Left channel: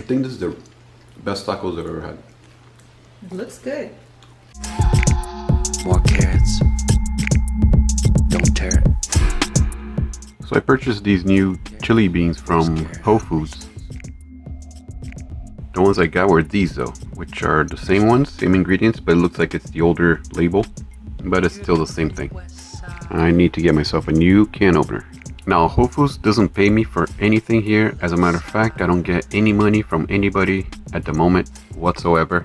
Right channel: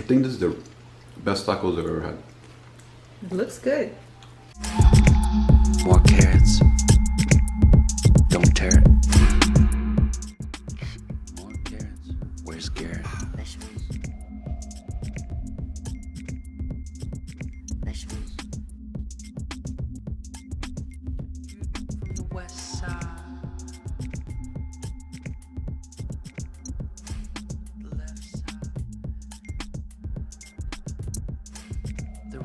I think this is the best tacos I've ever had. It looks good. More carrots. Don't tear it. So I purchased these new chili beans from Wholefoods. The ones I got were these though, which are the same ones, same ingredients, but it looks like it's the older label, but it's still the same thing. I need to get myself a new can opener. Now, Wholefoods doesn't pay me for anything here. As a matter of fact, I don't get any money from anybody at the moment whatsoever.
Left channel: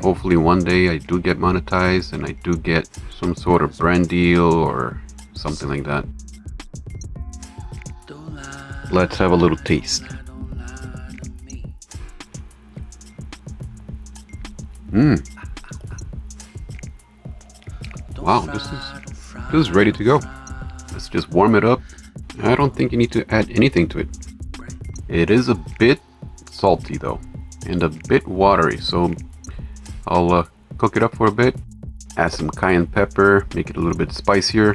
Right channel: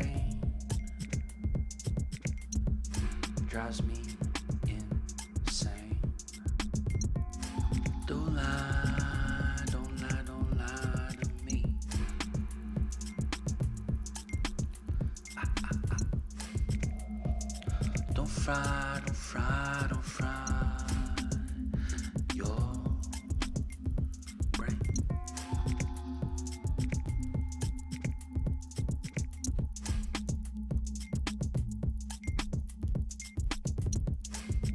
Hopefully one day I do get monetized and I do get some sort of brand deal or something like that. Let's have a little taste. Wow, this is ready to go. Let's just warm it up. I don't think you need to add anything to it. It is a bit salty though, and a bit watery, so I'll cook it up for a bit. Add some cayenne pepper, make it a little bit spicier.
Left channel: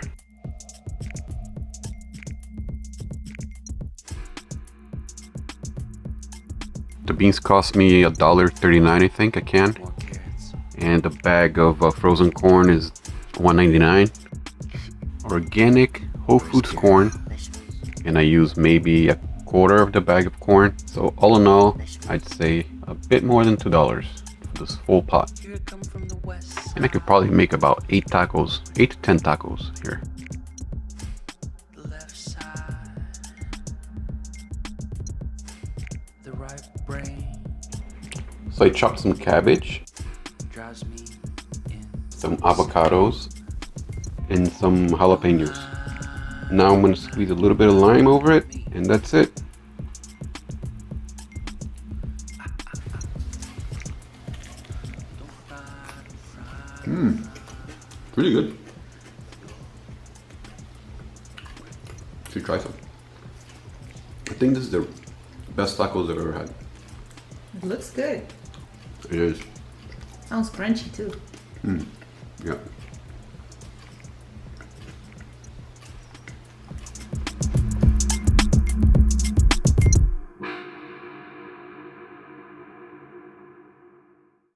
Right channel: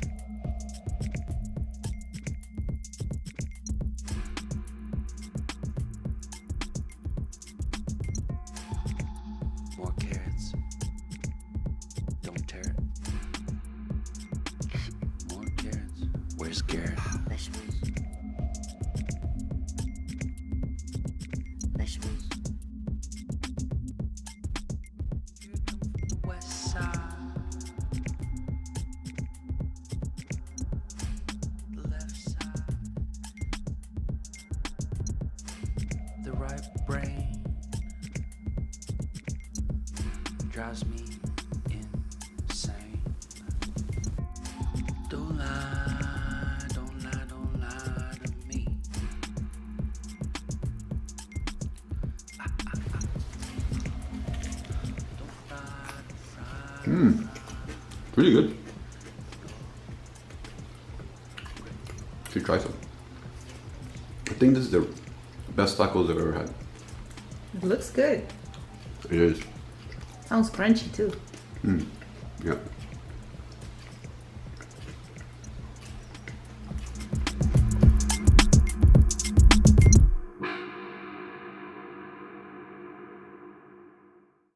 The beans cost me $1.39, I think, a can. And the bag of frozen corn is $1.99. Organic Wholefoods corn, and I use maybe a quarter of the bag of corn. So all in all, I'd say a bit more than $2 for this full pot. And I could probably make about 8 tacos, 8 to 10 tacos here. So I chopped some cabbage, some avocados, and some jalapenos. Now I'm going to squeeze a little bit of lime over it, and that's it. Pretty good. Should try some. I think this is the best tacos I've ever had. It looks good. It is. Sounds crunchy too. Yeah.